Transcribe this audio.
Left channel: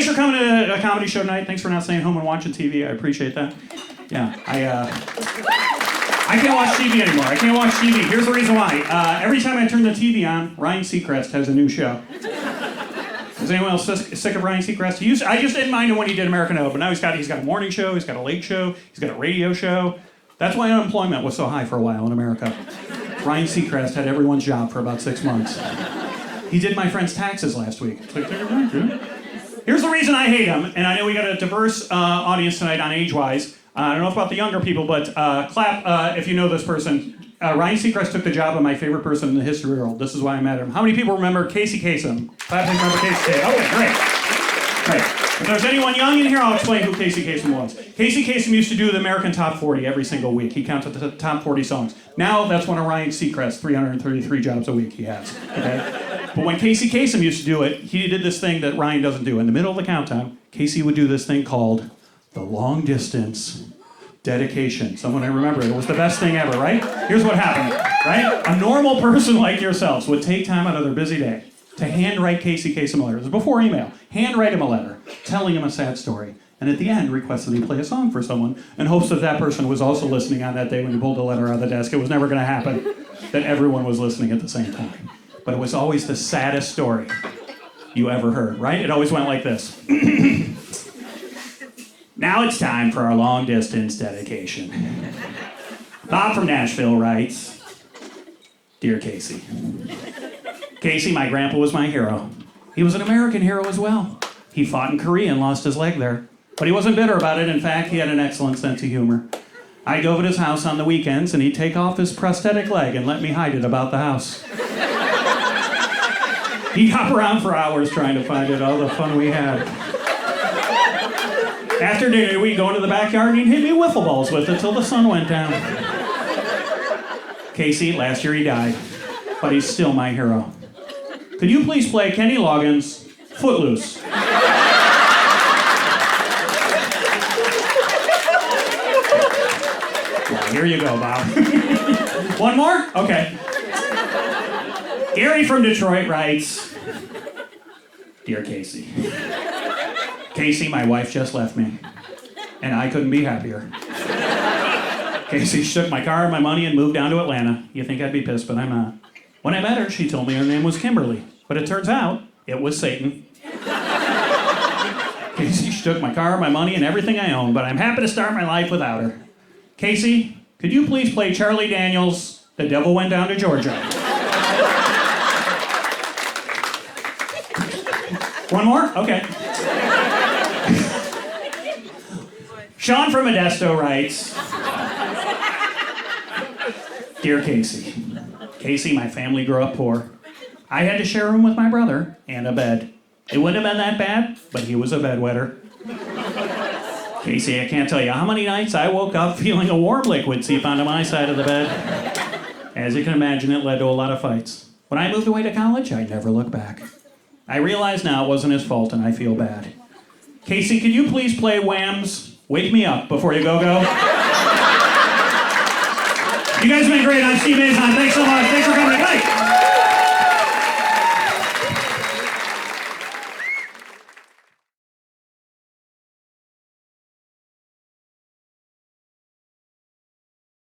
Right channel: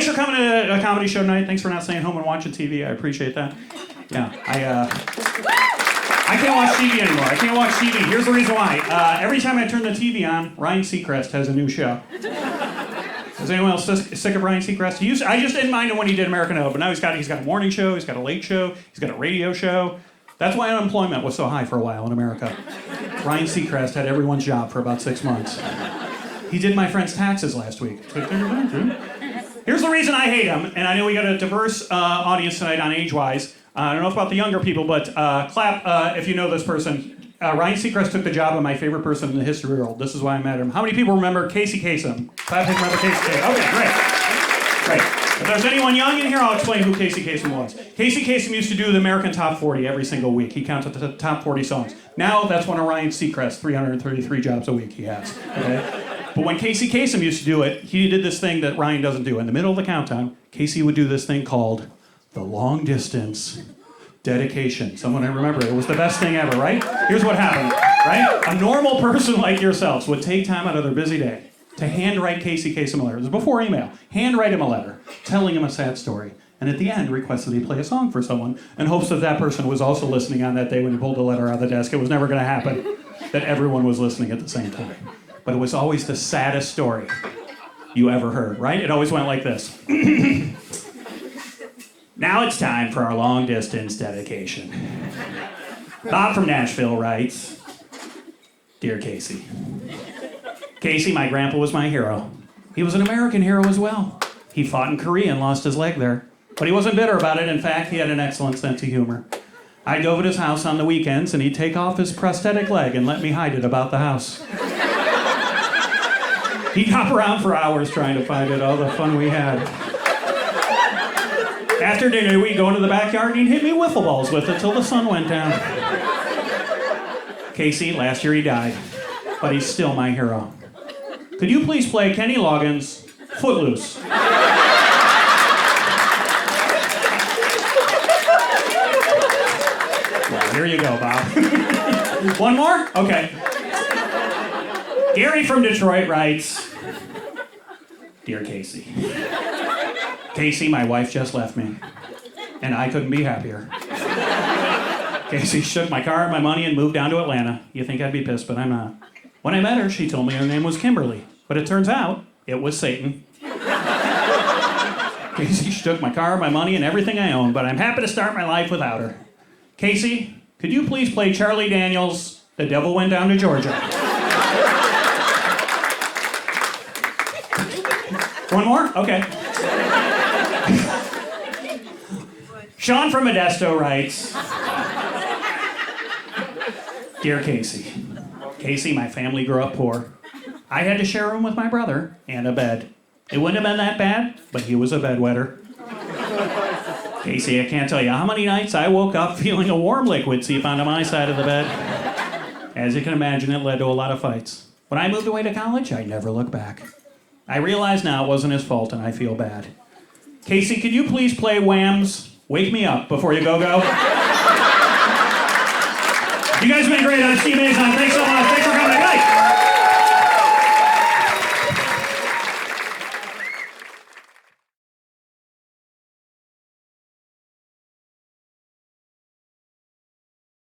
Thanks for coming to a comedy show tonight. Thanks for not staying home and watching TV. I appreciate that. Yeah, I can't watch TV anymore. I can't watch TV. Here's the reason why. Every time I turn the TV on, Ryan Seacrest has a new show. Is anyone else sick of Ryan Seacrest? I just didn't mind him when he did American Idol, but now he's got a morning show, he's got a late show, he's got a radio show. That's why unemployment was so high for a while in America. Ryan Seacrest had everyone's job for about 6 months. He did my friend's taxes last week. Here's the reason I hate him, and I know we got a diverse audience tonight on age-wise. I don't know about the younger people, but clap if you know this person. Ryan Seacrest took the job of my favorite person in the history of the world. This is why I met him. How many people remember Casey Kasem? Clap if you remember Casey Kasem. Okay, great. Great. If there's anyone young in here, I'll explain who Casey Kasem was. Casey Kasem used to do the American Top 40 every single week. He counted the top 40 songs. Now that's one of Ryan Seacrest's 333 jobs a week he has. Okay? But when Casey Kasem used to do it, he did this thing that Ryan doesn't do. In the middle of the countdown, Casey would do this thing called the long distance dedication. Someone I remember, it was the best thing ever, right? Here's what happened, right? A normal person like yourselves would take time out of their busy day to handwrite Casey Kasem a letter. It was before email. Handwrite him a letter, telling him a sad story. And at the end, request that he play a song for someone in hopes that that person was also listening on that day when he pulled the letter out of the desk. It was never going to happen that everyone was listening at the same time. But it was always the saddest story you ever heard, right? It always went like this. Now it's time for our long-distance dedication. Bob from Nashville writes, Dear Casey. Casey, my grandpa was my hero. He was an American hero as well. He fought in Korea and lost his leg there. But he wasn't bitter about it. In fact, he had an excellent sense of humor. I'd go over to his house on the weekends, and he'd take off his prosthetic leg and let me hide it about the house. He'd hop around for hours trying to find it, all the fun we had. After dinner, we'd go into the backyard and he'd hit me wiffle balls with it till the sun went down. Casey, last year he died, but he's still my hero. Could you please play Kenny Loggins' Footloose? Well, here you go, Bob. One more? Okay. Gary from Detroit writes, Dear Casey. Casey, my wife just left me, and I couldn't be happier. Casey shook my car and my money and moved down to Atlanta. You think I'd be pissed, but I'm not. When I met her, she told me her name was Kimberly, but it turns out it was Satan. Casey shook my car, my money, and everything I own, but I'm happy to start my life without her. Casey, could you please play Charlie Daniels' The Devil Went Down to Georgia? One more? Okay. Sean from Modesto writes, Dear Casey. Casey, my family grew up poor. I had to share a room with my brother and a bed. It wouldn't have been that bad, but he was a bedwetter. Casey, I can't tell you how many nights I woke up feeling a warm liquid seep onto my side of the bed. As you can imagine, it led to a lot of fights. When I moved away to college, I never looked back. I realize now it wasn't his fault, and I feel bad. Casey, could you please play Wham's Wake Me Up before you go-go? You guys have been great. I'm Steve Mazan. Thanks so much. Thanks for coming. Good night.